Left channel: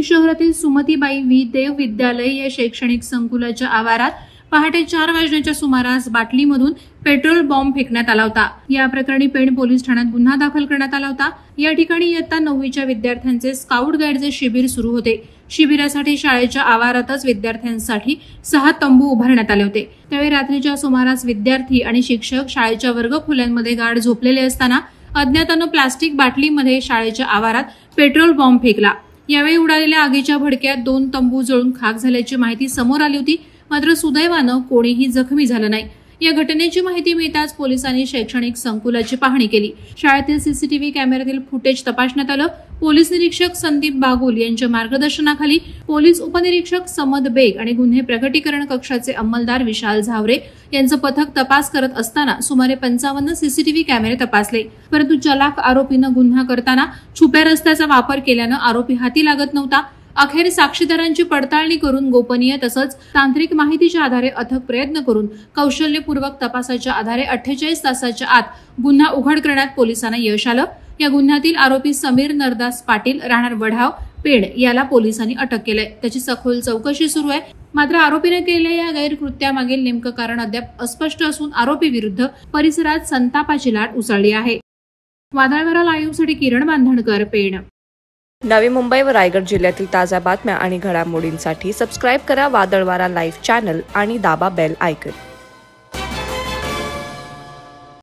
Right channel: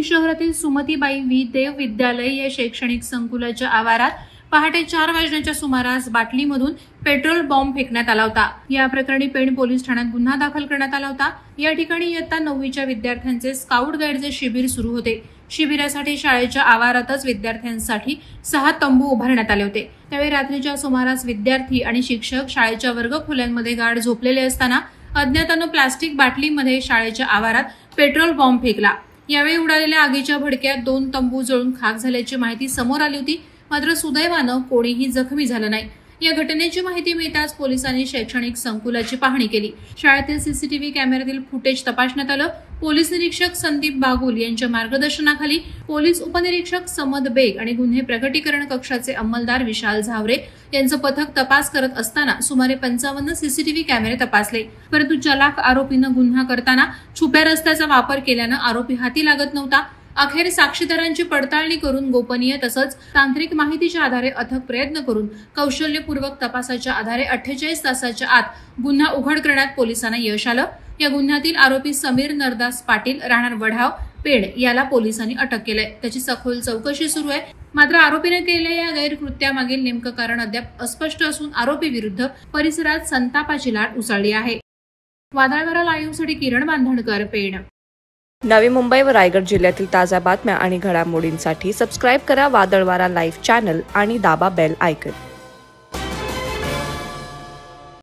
पेण शहरातील सुमतीबाई व्ही देव विद्यालय या शैक्षणिक संकुलाच्या आवारात पहाटे 4 वाजण्याच्या सुमारास बाटलीमधून पेट्रोल बॉम्ब फेकण्यात आला होता। या प्रकरणी पेण पोलीस ठाण्यात गुन्हा दाखल करण्यात आला होता। या ठिकाणी इयत्ता 9वीच्या विद्यार्थ्यांचे स्काउट गाईडचे शिबिर सुरू होते। शिबिरासाठी शाळेच्या आवारातच विद्यार्थ्यांसाठी 6 तंबू उभारण्यात आले होते। त्यावेळी रात्रीच्या सुमारास विद्यार्थी आणि शिक्षक शाळेच्या वर्गखोल्यांमध्ये गाढ झोपलेले असताना अज्ञातानं प्लास्टिक बाटलीमध्ये शाळेच्या आवारात पेट्रोल बॉम्ब फेकला। यावेळी उडालेल्या आगीच्या भडक्यात 2 तंबू जळून खाक झाल्याची माहिती समोर आली होती, मात्र सुदैवानं कोणीही जखमी झालं नाही। या घटनेची माहिती मिळताच पोलिसांनी शैक्षणिक संकुलाची पाहणी केली। शाळेतील सीसीटीव्ही कॅमेऱ्यातील फुटेज तपासण्यात आलं। पोलीस निरीक्षक संदीप बागुल यांच्या मार्गदर्शनाखाली पोलीस उपनिरीक्षक समद बेग आणि गुन्हे प्रकटीकरण कक्षाचे अंमलदार विशाल झावरे यांचं पथक तपास करत असताना सुमारे 55 सीसीटीव्ही कॅमेरे तपासले, परंतु चलाख आरोपीनं गुन्हा करताना छुप्या रस्त्याचा वापर केल्यानं आरोपी हाती लागत नव्हता। अखेर साक्षीदारांची पडताळणी करून गोपनीय तसंच तांत्रिक माहितीच्या आधारे अथक प्रयत्न करून कौशल्यपूर्वक तपासाच्या आधारे 48 तासाच्या आत गुन्हा उघड करण्यात पोलिसांना यश आलं। या गुन्ह्यातील आरोपी समीर नरदास पाटील राहणार वढाव पेण याला पोलिसांनी अटक केलंय। त्याची सखोल चौकशी सुरू आहे, मात्र आरोपीने केलेल्या या गैरकृत्यामागील नेमकं कारण अद्याप अस्पष्ट असून आरोपी विरुद्ध परिसरात संतापाची लाट उसळली आहे। वादळवारा लाईव्हसाठी किरण बांधणकर, पेण। नवी मुंबई व रायगड जिल्ह्यातील ताज्या बातम्या आणि घडामोडींसाठी सबस्क्राईब करा वादळवारा लाईव्ह चॅनल आणि दाबा बेल आयकॉन।